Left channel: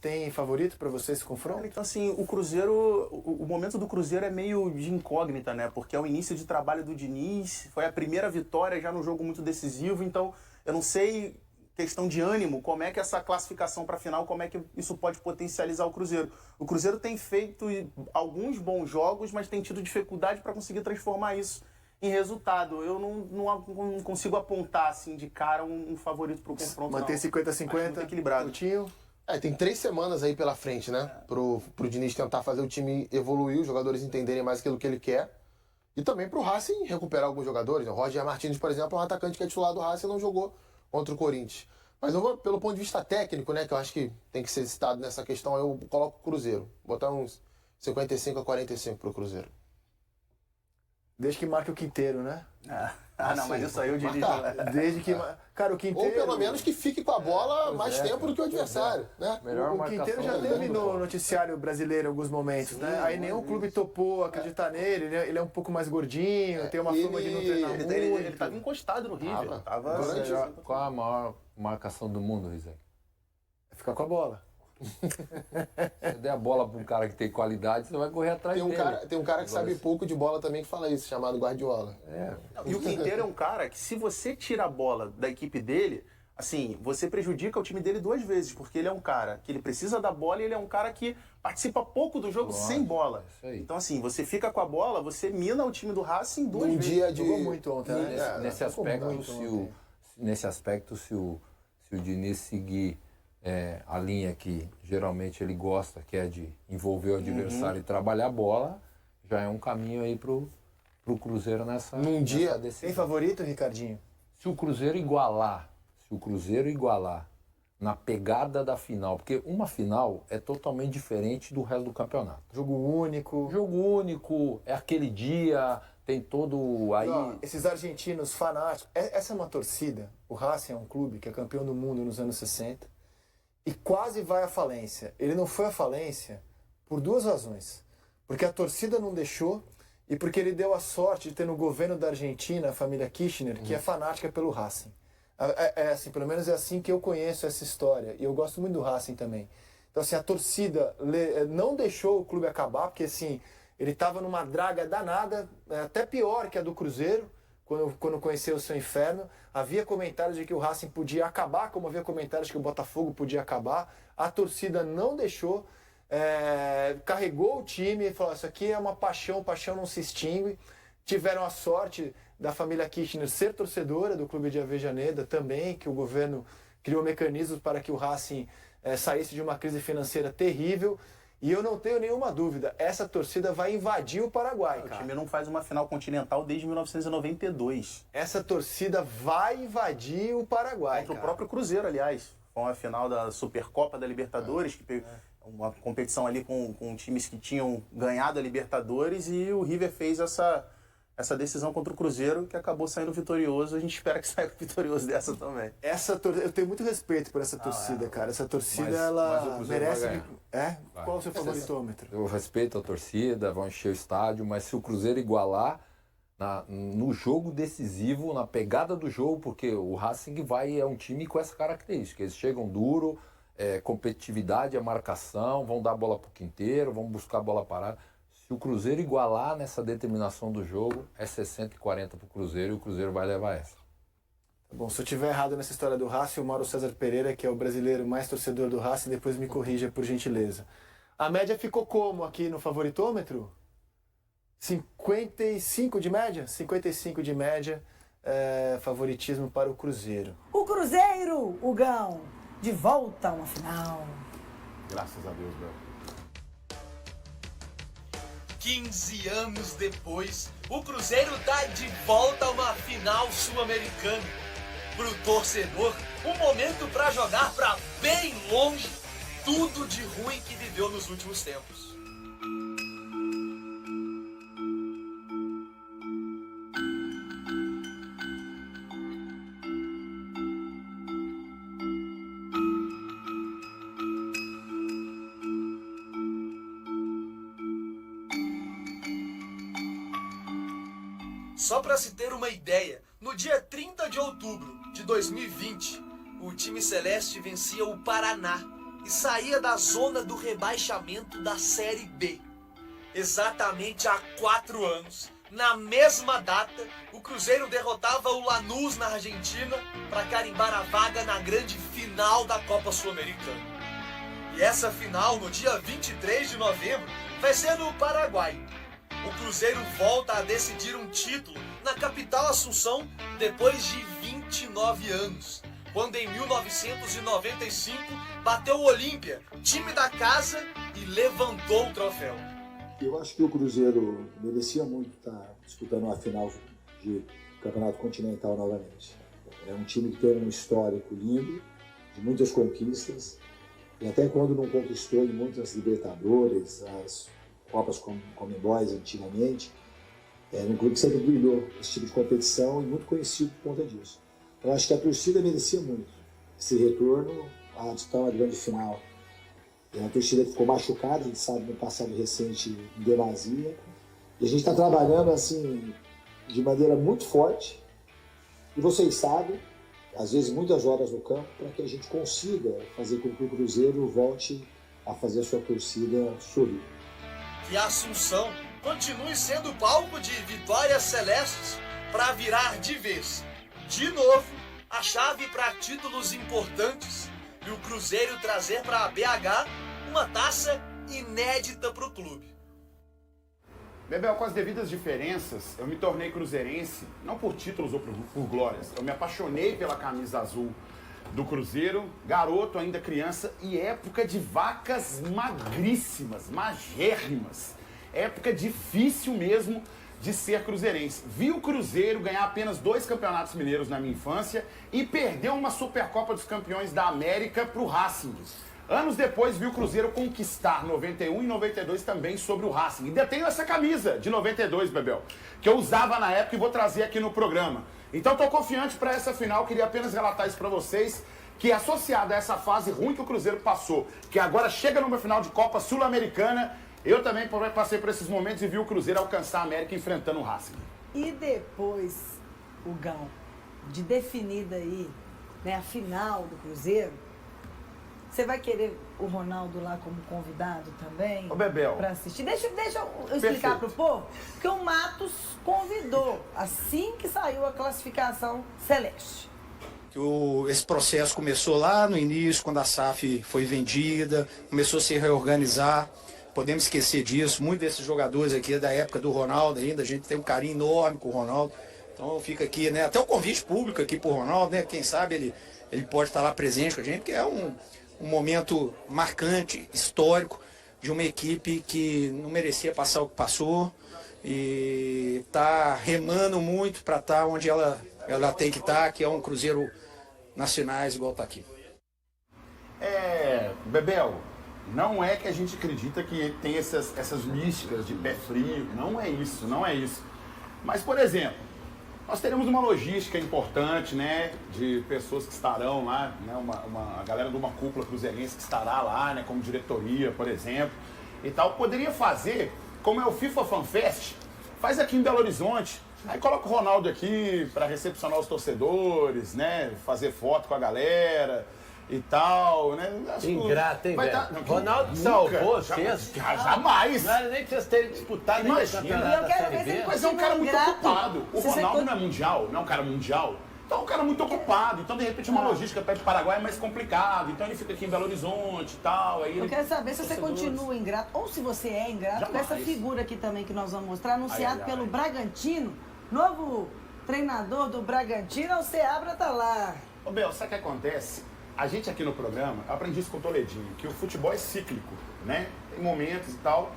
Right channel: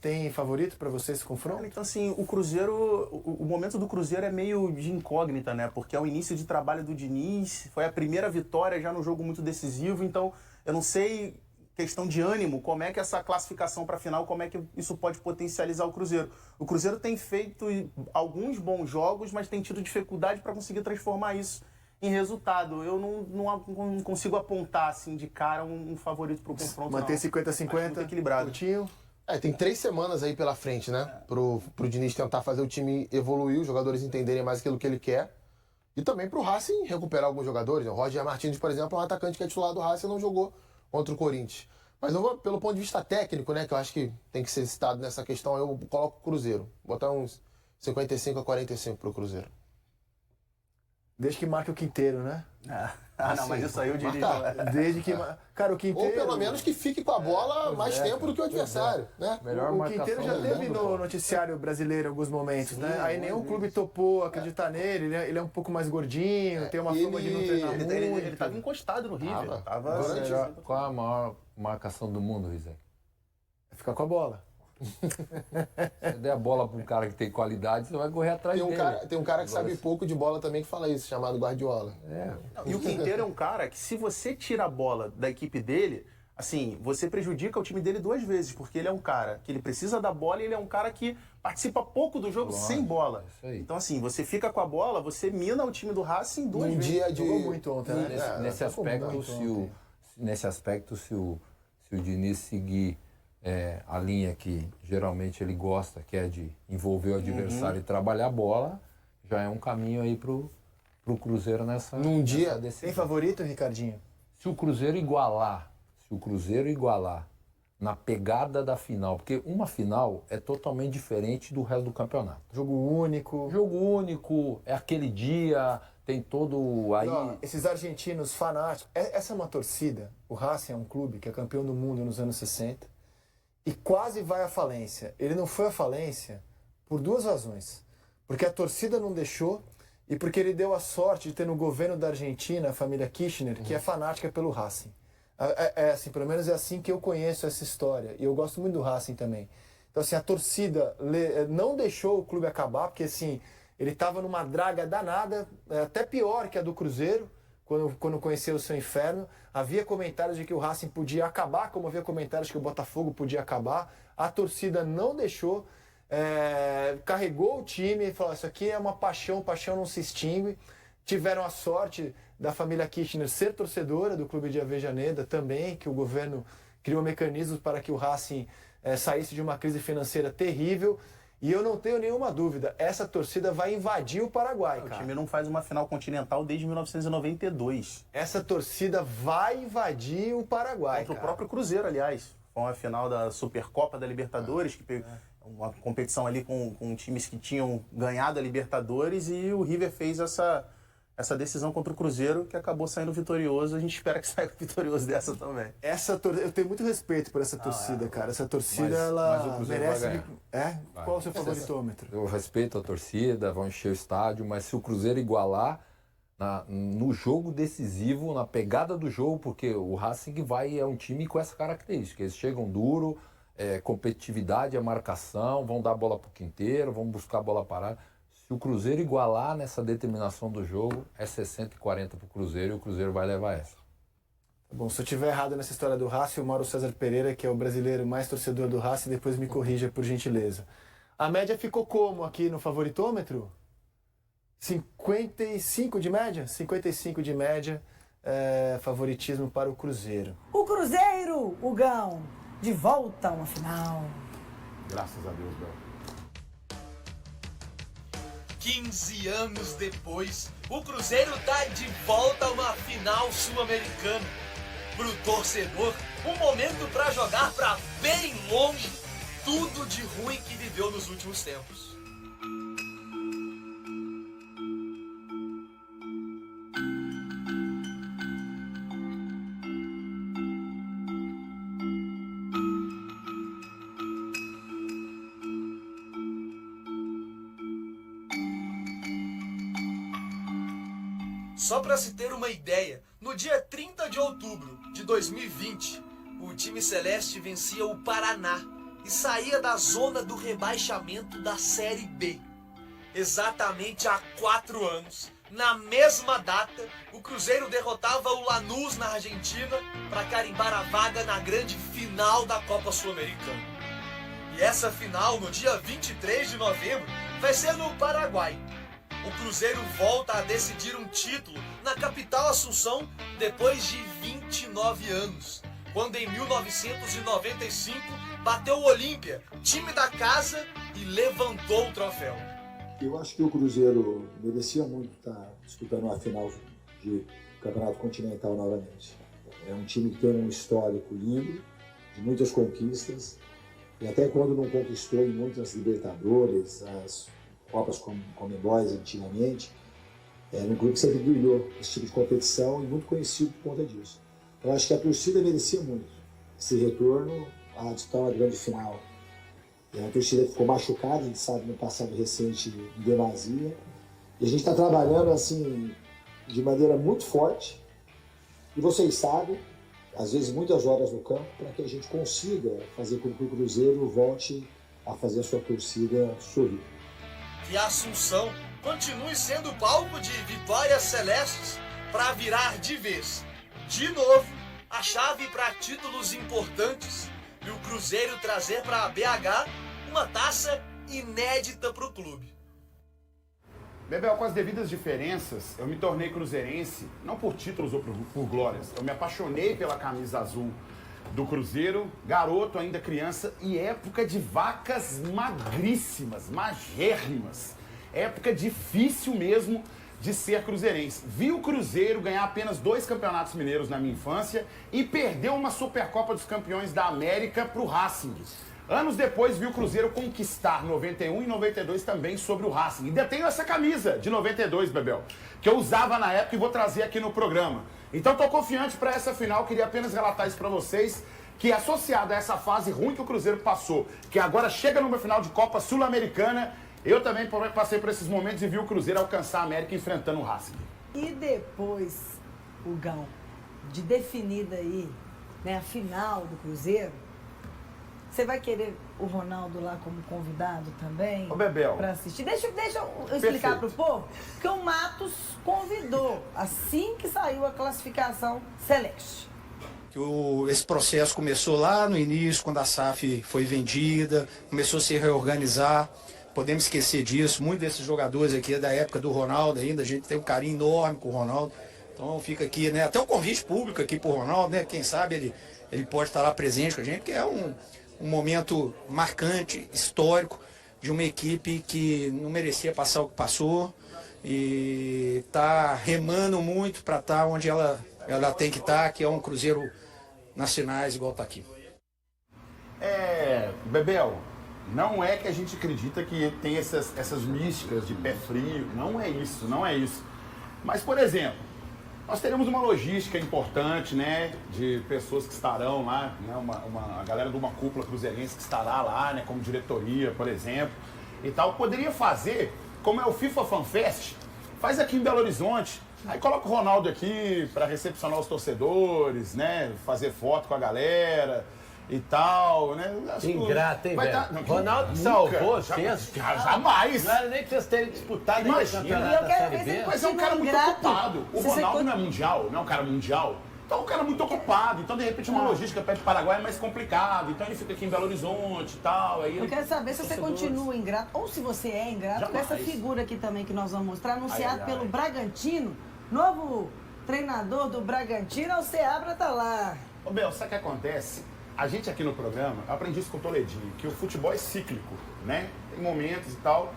tem favorito para você esse confronto? Então, assim, o Cruzeiro, o momento do Cruzeiro é meio de incógnita, né? Porque é o início de trabalho do Diniz, foi a primeira vitória já no jogo muito decisivo, então eu não sei, questão de ânimo, como é que essa classificação para a final, como é que isso pode potencializar o Cruzeiro. O Cruzeiro tem feito alguns bons jogos, mas tem tido dificuldade para conseguir transformar isso em resultado. Eu não consigo apontar assim de cara um favorito para o confronto. Manter 50-50, muito equilibrado. Coutinho. Tem 3 semanas aí pela frente, né? Pro Diniz tentar fazer o time evoluir, os jogadores entenderem mais aquilo que ele quer. E também pro Racing recuperar alguns jogadores. O Roger Martins, por exemplo, é um atacante que é titular do Racing e não jogou contra o Corinthians. Mas eu vou, pelo ponto de vista técnico, né? Que eu acho que tem que ser citado nessa questão, eu coloco o Cruzeiro. Botar uns 55-45 pro Cruzeiro. Desde que marque o Quinteiro, né? Não, mas isso aí eu diria. Desde que... Cara, o Quinteiro... Ou pelo menos que fique com a bola mais tempo do que o adversário, né? O Quinteiro já teve no noticiário brasileiro em alguns momentos, né? Aí nenhum clube topou acreditar nele, né? Ele é um pouco mais gordinho, tem uma fama de não treinar muito. Ele tava encostado no River. Qual a maior marcação do mundo, Rizek? Ficar com a bola. Se der a bola para um cara que tem qualidade, você vai correr atrás dele. Tem um cara que sabe pouco de bola também que fala isso, chamado Guardiola. E o Quinteiro é um cara que, se você tira a bola da equipe dele, assim, você prejudica o time dele 2 vezes, porque ele é um cara que ele precisa da bola e ele é um cara que participa pouco do jogo sem bola. Então, assim, você fica com a bola, você mina o time do Racing 2 vezes. Jogou muito ontem, né? Nesse aspecto, se o Diniz seguir a linha que geralmente ele gosta, que é de envolver o adversário e trabalhar a bola, já é um caminho aí pro Cruzeiro nessa decisão. Tem favorito, Ricardinho? Se o Cruzeiro igualar na pegada da final, porque uma final é totalmente diferente do resto do campeonato. Jogo único, é aquele dia, tem todo aí... Esses argentinos fanáticos, essa é uma torcida, o Racing é um clube que é campeão do mundo nos anos 60, e quase vai à falência. Ele não foi à falência por 2 razões. Porque a torcida não deixou e porque ele deu a sorte de ter no governo da Argentina a família Kirchner, que é fanática pelo Racing. Assim, pelo menos é assim que eu conheço essa história. E eu gosto muito do Racing também. Então, assim, a torcida não deixou o clube acabar, porque, assim, ele estava numa draga danada, até pior que a do Cruzeiro, quando conheceu o seu inferno. Havia comentários de que o Racing podia acabar, como havia comentários que o Botafogo podia acabar. A torcida não deixou, carregou o time e falou: isso aqui é uma paixão não se extingue. Tiveram a sorte da família Kirchner ser torcedora do clube de Avejaneda também, que o governo criou mecanismos para que o Racing saísse de uma crise financeira terrível. E eu não tenho nenhuma dúvida, essa torcida vai invadir o Paraguai, cara. O time não faz uma final continental desde 1992. Essa torcida vai invadir o Paraguai, Contra o próprio Cruzeiro, aliás. Foi uma final da Supercopa da Libertadores, que uma competição ali com times que tinham ganhado a Libertadores, e o River fez essa decisão contra o Cruzeiro, que acabou saindo vitorioso. A gente espera que saia vitorioso dessa também. Eu tenho muito respeito por essa torcida, cara. Essa torcida, ela merece... Qual é o seu favoritômetro? Eu respeito a torcida, vão encher o estádio, mas se o Cruzeiro igualar no jogo decisivo, na pegada do jogo, porque o Racing é um time com essa característica. Eles chegam duro, competitividade, a marcação, vão dar a bola pro Quinteiro, vão buscar a bola parada. Se o Cruzeiro igualar nessa determinação do jogo, é 60-40 pro Cruzeiro, e o Cruzeiro vai levar essa. Bom, se eu estiver errado nessa história do Racing, o Mauro César Pereira, que é o brasileiro mais torcedor do Racing, depois me corrija, por gentileza. A média ficou como aqui no favoritômetro? 55 de média? 55 de média, favoritismo para o Cruzeiro. O Cruzeiro, Hugão, de volta a uma final. Graças a Deus, Bel. 15 anos depois, o Cruzeiro tá de volta a uma final sul-americana. Pro torcedor, um momento pra jogar pra bem longe tudo de ruim que viveu nos últimos tempos. Só para se ter uma ideia, no dia 30 de outubro de 2020, o time celeste vencia o Paraná e saía da zona do rebaixamento da Série B. Exatamente há 4 anos, na mesma data, o Cruzeiro derrotava o Lanús na Argentina para carimbar a vaga na grande final da Copa Sul-Americana. E essa final, no dia 23 de novembro, vai ser no Paraguai. O Cruzeiro volta a decidir um título na capital Assunção depois de 29 anos, quando em 1995 bateu o Olímpia, time da casa, e levantou o troféu. Eu acho que o Cruzeiro merecia muito estar disputando uma final de Campeonato Continental novamente. É um time que tem um histórico lindo, de muitas conquistas, e até quando não conquistou em muitas Libertadores, as Copas Comebol antigamente, era um clube que sempre brilhou esse tipo de competição e muito conhecido por conta disso. Eu acho que a torcida merecia muito esse retorno a disputar uma grande final. E a torcida ficou machucada, a gente sabe, no passado recente, em demasia. E a gente está trabalhando assim de maneira muito forte. E vocês sabem, às vezes muitas horas no campo, para que a gente consiga fazer com que o Cruzeiro volte a fazer a sua torcida sorrir. Que a Assunção continue sendo palco de vitórias celestes para virar de vez, de novo, a chave para títulos importantes e o Cruzeiro trazer para a BH uma taça inédita para o clube. Bebel, com as devidas diferenças, eu me tornei cruzeirense, não por títulos ou por glórias. Eu me apaixonei pela camisa azul do Cruzeiro, garoto, ainda criança, e época de vacas magríssimas, magérrimas. Época difícil mesmo de ser cruzeirense. Vi o Cruzeiro ganhar apenas 2 campeonatos mineiros na minha infância e perdeu uma Supercopa dos Campeões da América para o Racing. Anos depois, vi o Cruzeiro conquistar 91 e 92 também sobre o Racing. E ainda tenho essa camisa de 92, Bebel, que eu usava na época e vou trazer aqui no programa. Então estou confiante para essa final, queria apenas relatar isso para vocês, que associado a essa fase ruim que o Cruzeiro passou, que agora chega numa final de Copa Sul-Americana, eu também passei por esses momentos e vi o Cruzeiro alcançar a América enfrentando o Racing. E depois, o Gão, de definida aí, né, a final do Cruzeiro, você vai querer o Ronaldo lá como convidado também? Ô, Bebel. Pra assistir. Deixa eu explicar pro povo, que o Matos convidou, assim que saiu a classificação celeste. Esse processo começou lá no início, quando a SAF foi vendida, começou a se reorganizar. Podemos esquecer disso, muitos desses jogadores aqui é da época do Ronaldo ainda, a gente tem um carinho enorme com o Ronaldo. Então fica aqui, né, até o convite público aqui pro Ronaldo, né, quem sabe ele pode estar lá presente com a gente, porque é um momento marcante, histórico, de uma equipe que não merecia passar o que passou e está remando muito para estar onde ela tem que estar, que é um Cruzeiro nacionais igual está aqui. Bebel, não é que a gente acredita que tem essas místicas de pé frio, não é isso. Mas, por exemplo, nós teremos uma logística importante, né, de pessoas que estarão lá, né, a galera de uma cúpula cruzeirense que estará lá, né, como diretoria, por exemplo, e tal. Poderia fazer, como é o FIFA Fan Fest, faz aqui em Belo Horizonte, aí coloca o Ronaldo aqui para recepcionar os torcedores, né, fazer foto com a galera e tal, né? Ingrato, hein, velho? Ronaldo salvou vocês. Jamais. Não era nem pra vocês terem disputado nem o campeonato da Série B. Mas é um cara muito ocupado. O Ronaldo não é mundial, não é um cara mundial. Então é um cara muito ocupado. Então, de repente, uma logística perto do Paraguai é mais complicado. Então ele fica aqui em Belo Horizonte e tal. Aí eu quero saber se você continua ingrato, ou se você é ingrato, com essa figura aqui também que nós vamos mostrar, anunciado pelo Bragantino. Novo treinador do Bragantino, o Seabra tá lá. Ô, Bel, sabe o que acontece? A gente aqui no programa, eu aprendi isso com o Toledinho, que o futebol é cíclico, né? Tem momentos e tal.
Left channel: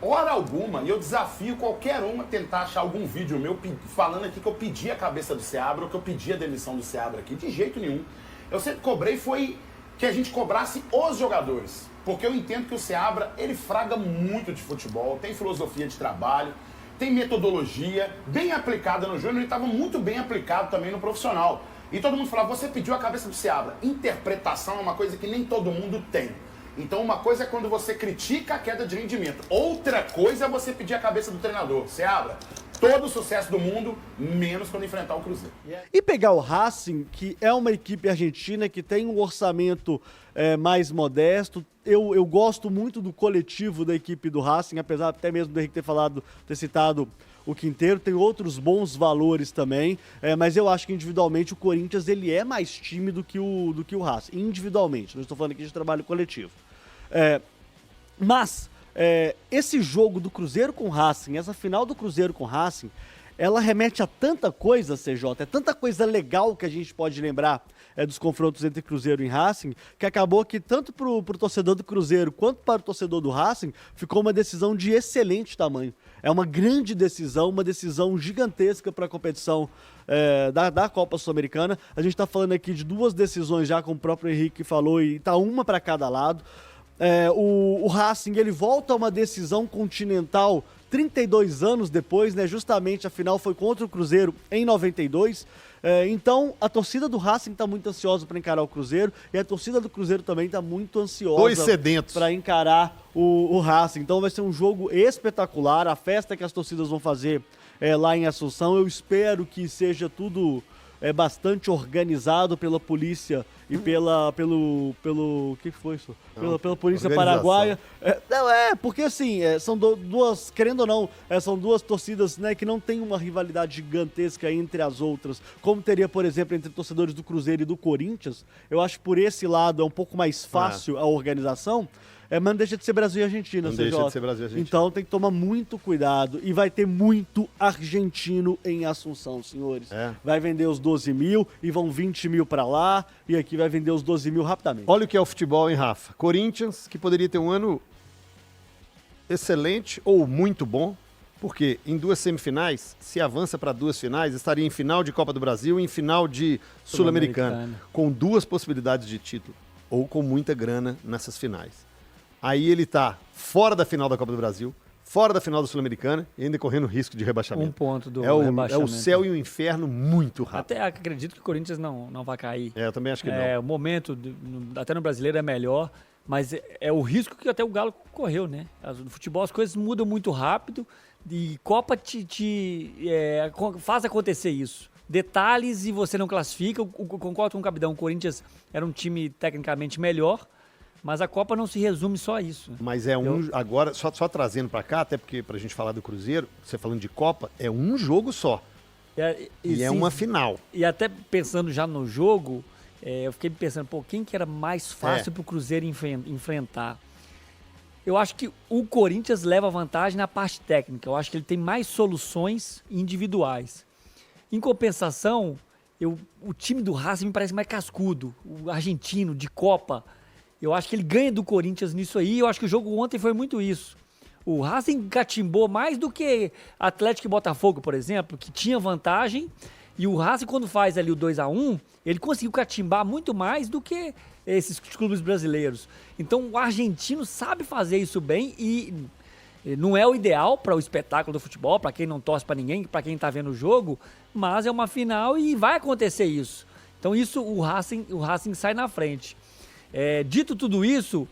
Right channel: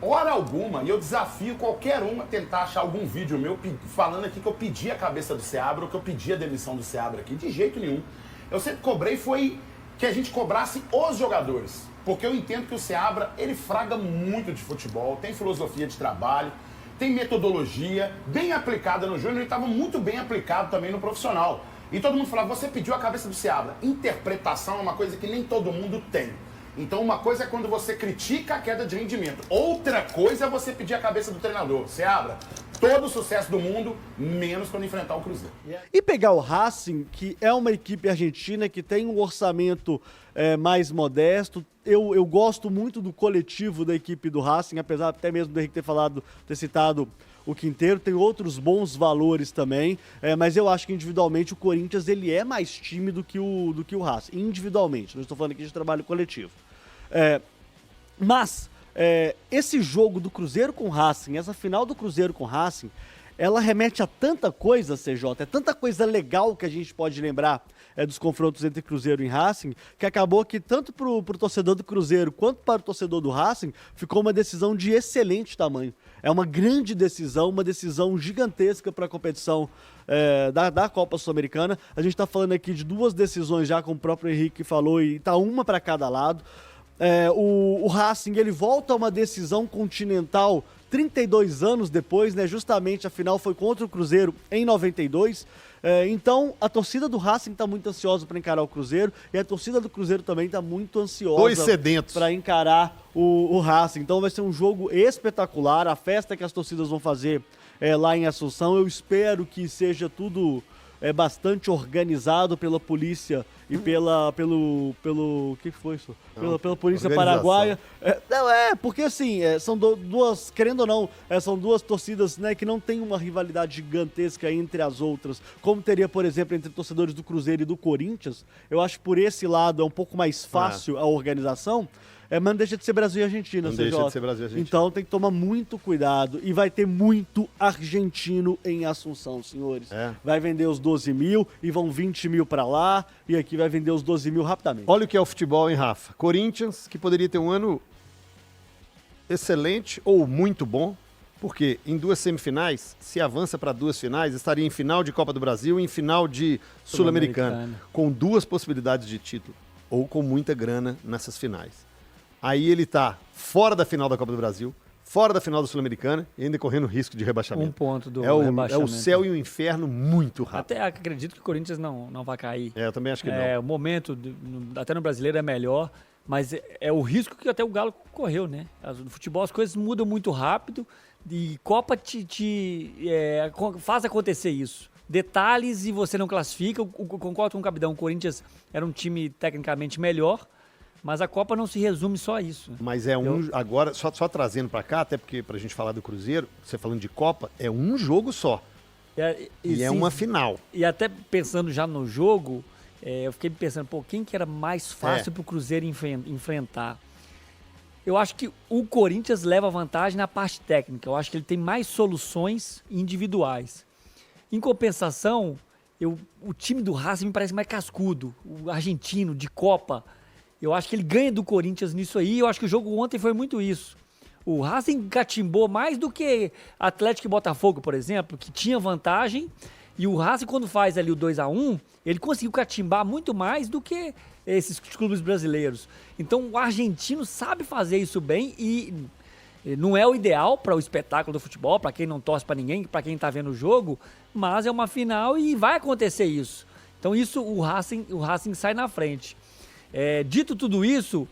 Hora alguma, e eu desafio qualquer um a tentar achar algum vídeo meu falando aqui que eu pedi a cabeça do Seabra ou que eu pedi a demissão do Seabra aqui. De jeito nenhum. Eu sempre cobrei foi que a gente cobrasse os jogadores. Porque eu entendo que o Seabra, ele fraga muito de futebol, tem filosofia de trabalho, tem metodologia bem aplicada no júnior e estava muito bem aplicado também no profissional. E todo mundo falava, você pediu a cabeça do Seabra. Interpretação é uma coisa que nem todo mundo tem. Então uma coisa é quando você critica a queda de rendimento. Outra coisa é você pedir a cabeça do treinador. Seabra, todo o sucesso do mundo, menos quando enfrentar o Cruzeiro. E pegar o Racing, que é uma equipe argentina que tem um orçamento mais modesto. Eu gosto muito do coletivo da equipe do Racing, apesar até mesmo do Henrique ter citado o Quinteiro, tem outros bons valores também, mas eu acho que individualmente o Corinthians ele é mais time do que o Racing, individualmente, não estou falando aqui de trabalho coletivo. Mas esse jogo do Cruzeiro com o Racing, essa final do Cruzeiro com o Racing, ela remete a tanta coisa, CJ, tanta coisa legal que a gente pode lembrar dos confrontos entre Cruzeiro e Racing, que acabou que tanto para o torcedor do Cruzeiro quanto para o torcedor do Racing, ficou uma decisão de excelente tamanho. É uma grande decisão, uma decisão gigantesca para a competição da Copa Sul-Americana. A gente está falando aqui de 2 decisões já, como o próprio Henrique falou, e está uma para cada lado. O Racing ele volta a uma decisão continental 32 anos depois, né? Justamente a final foi contra o Cruzeiro em 92. Então a torcida do Racing está muito ansiosa para encarar o Cruzeiro e a torcida do Cruzeiro também está muito ansiosa para encarar o Racing. Então vai ser um jogo espetacular, a festa que as torcidas vão fazer lá em Assunção. Eu espero que seja tudo bastante organizado pela polícia e pelo que foi isso? Pela polícia paraguaia. Porque assim, são duas, querendo ou não, são 2 torcidas, né, que não tem uma rivalidade gigantesca entre as outras, como teria, por exemplo, entre torcedores do Cruzeiro e do Corinthians. Eu acho que por esse lado é um pouco mais fácil a organização. Mas não deixa de ser Brasil e Argentina, Não deixa de ser Brasil e Argentina. Então tem que tomar muito cuidado. E vai ter muito argentino em Assunção, senhores. Vai vender os 12 mil e vão 20 mil para lá. E aqui vai vender os 12 mil rapidamente. Olha o que é o futebol, hein, Rafa? Corinthians, que poderia ter um ano excelente ou muito bom, porque em 2 semifinais, se avança para 2 finais, estaria em final de Copa do Brasil e em final de Sul-Americana, com 2 possibilidades de título, ou com muita grana nessas finais. Aí ele tá fora da final da Copa do Brasil, fora da final da Sul-Americana e ainda correndo risco de rebaixamento. Um ponto do rebaixamento. É o céu e o inferno muito rápido. Até acredito que o Corinthians não vai cair. Eu também acho que não. O momento, até no brasileiro, é melhor, mas é o risco que até o Galo correu, né? No futebol as coisas mudam muito rápido e Copa faz acontecer isso. Detalhes e você não classifica. Eu concordo com o Capitão, o Corinthians era um time tecnicamente melhor, mas a Copa não se resume só a isso. Mas agora, só trazendo para cá, até porque pra gente falar do Cruzeiro, você falando de Copa, é um jogo só. E é uma final. E até pensando já no jogo, eu fiquei pensando, quem que era mais fácil pro Cruzeiro enfrentar? Eu acho que o Corinthians leva vantagem na parte técnica. Eu acho que ele tem mais soluções individuais. Em compensação, o time do Racing me parece mais cascudo. O argentino, de Copa. Eu acho que ele ganha do Corinthians nisso aí. Eu acho que o jogo ontem foi muito isso. O Racing catimbou mais do que Atlético e Botafogo, por exemplo, que tinha vantagem. E o Racing, quando faz ali o 2-1, ele conseguiu catimbar muito mais do que esses clubes brasileiros. Então o argentino sabe fazer isso bem e não é o ideal para o espetáculo do futebol, para quem não torce para ninguém, para quem está vendo o jogo, mas é uma final e vai acontecer isso. Então isso o Racing sai na frente. Dito tudo isso,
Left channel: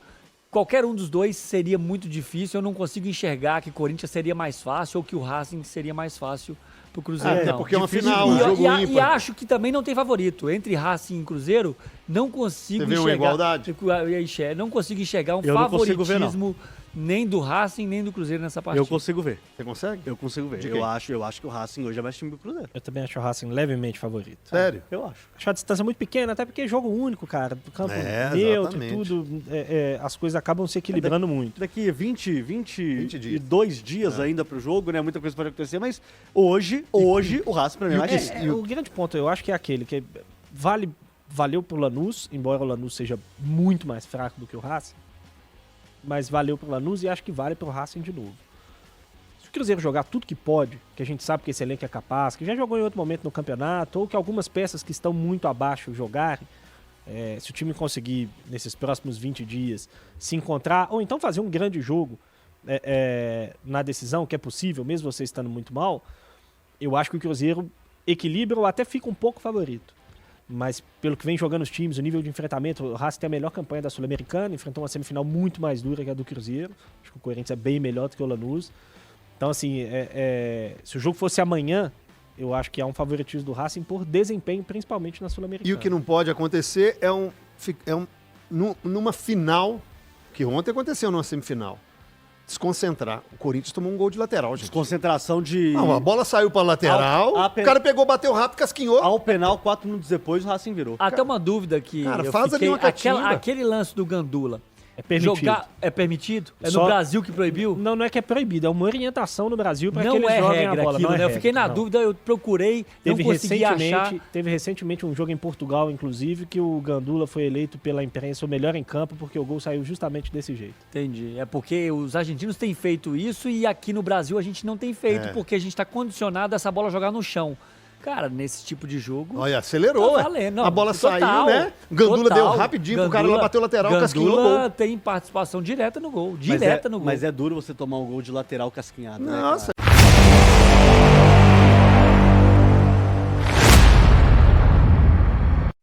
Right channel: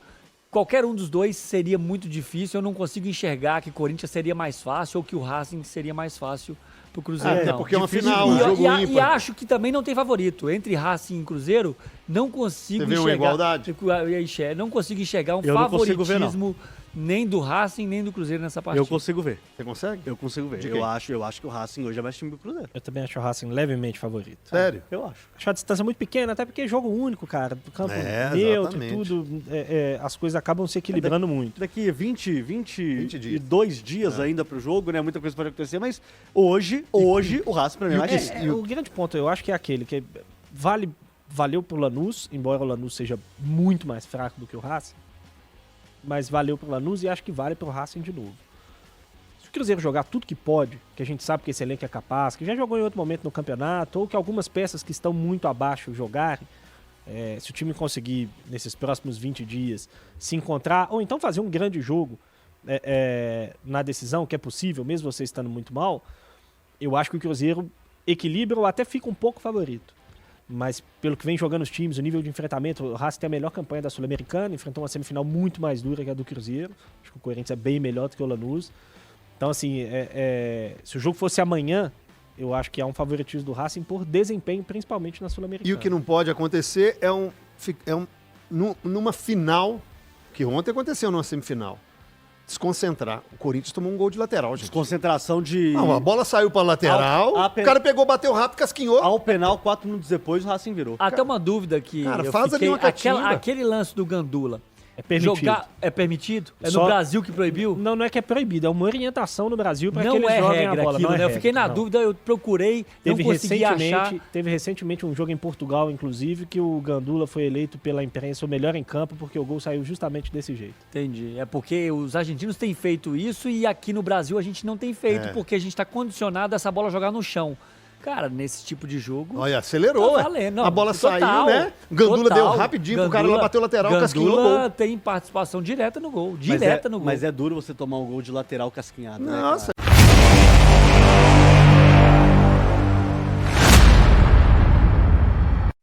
qualquer um dos dois seria muito difícil. Eu não consigo enxergar que o Corinthians seria mais fácil ou que o Racing seria mais fácil pro Cruzeiro. Até porque é uma final, um jogo ímpar. E acho que também não tem favorito. Entre Racing e Cruzeiro, não consigo enxergar... Você vê uma igualdade? Não consigo enxergar um favoritismo nem do Racing, nem do Cruzeiro nessa partida. Eu consigo ver. Você consegue? Eu consigo ver. Eu acho que o Racing hoje é mais time do Cruzeiro. Eu também acho o Racing levemente favorito. Sério? Eu acho. Acho a distância muito pequena, até porque é jogo único, cara. Do campo neutro e tudo. As coisas acabam se equilibrando muito. Daqui 22 dias ainda pro jogo, né? Muita coisa pode acontecer, mas hoje o Racing pra mim é mais difícil. O grande ponto, eu acho que é aquele que valeu pro Lanús, embora o Lanús seja muito mais fraco do que o Racing, mas valeu pro Lanús e acho que vale pro Racing de novo. Se o Cruzeiro jogar tudo que pode, que a gente sabe que esse elenco é capaz, que já jogou em outro momento no campeonato, ou que algumas peças que estão muito abaixo jogarem, se o time conseguir, nesses próximos 20 dias, se encontrar, ou então fazer um grande jogo na decisão, que é possível, mesmo você estando muito mal, eu acho que o Cruzeiro equilibra ou até fica um pouco favorito. Mas pelo que vem jogando os times, o nível de enfrentamento, o Racing tem a melhor campanha da Sul-Americana, enfrentou uma semifinal muito mais dura que a do Cruzeiro. Acho que o Corinthians é bem melhor do que o Lanús. Então, assim, se o jogo fosse amanhã, eu acho que há um favoritismo do Racing por desempenho, principalmente na Sul-Americana. E o que não pode acontecer numa final, que ontem aconteceu numa semifinal, desconcentrar. O Corinthians tomou um gol de lateral, gente. Desconcentração de... Não, a bola saiu pra lateral, o cara pegou, bateu rápido, casquinhou. Ao penal, 4 minutos depois, o Racing virou. Até uma dúvida que cara, eu faz ali uma catimba. Aquele lance do Gandula. É permitido. É permitido? É no Brasil que proibiu? Não é que é proibido, é uma orientação no Brasil para que não eles é joguem regra a bola. Aquilo, não é né? Eu fiquei na dúvida, eu procurei, não consegui achar. Teve recentemente um jogo em Portugal, inclusive, que o Gandula foi eleito pela imprensa o melhor em campo porque o gol saiu justamente desse jeito. Entendi. É porque os argentinos têm feito isso e aqui no Brasil a gente não tem feito porque a gente está condicionado a essa bola jogar no chão. Cara, nesse tipo de jogo... Olha, acelerou, tá valendo. Não, a bola saiu, né? Gandula deu rapidinho pro cara lá, bateu o lateral, casquinhou no gol. Tem participação direta no gol. No gol. Mas é duro você tomar um gol de lateral casquinhado, Nossa. né?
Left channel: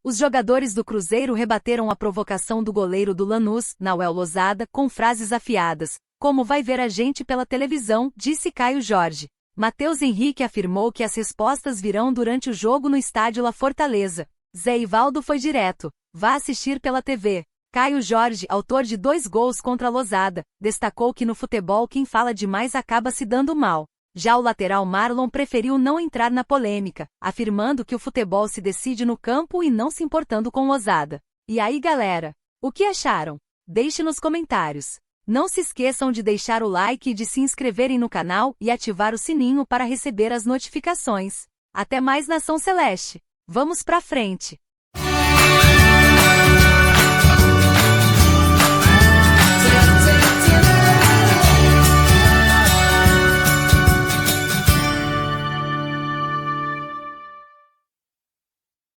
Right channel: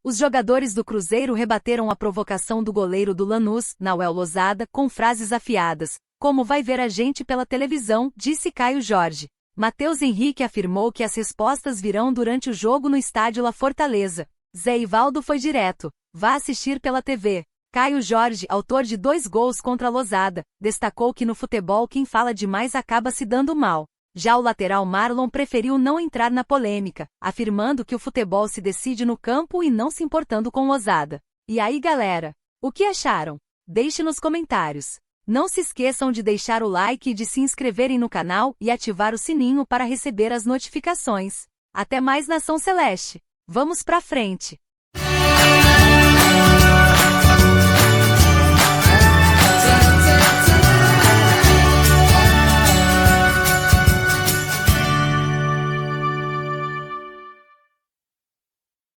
Os jogadores do Cruzeiro rebateram a provocação do goleiro do Lanús, Nauel Lozada, com frases afiadas. Como vai ver a gente pela televisão, disse Caio Jorge. Matheus Henrique afirmou que as respostas virão durante o jogo no estádio La Fortaleza. Zé Ivaldo foi direto. Vá assistir pela TV. Caio Jorge, autor de 2 gols contra a Lozada, destacou que no futebol quem fala demais acaba se dando mal. Já o lateral Marlon preferiu não entrar na polêmica, afirmando que o futebol se decide no campo e não se importando com Lozada. E aí, galera? O que acharam? Deixe nos comentários. Não se esqueçam de deixar o like e de se inscreverem no canal e ativar o sininho para receber as notificações. Até mais, Nação Celeste! Vamos pra frente!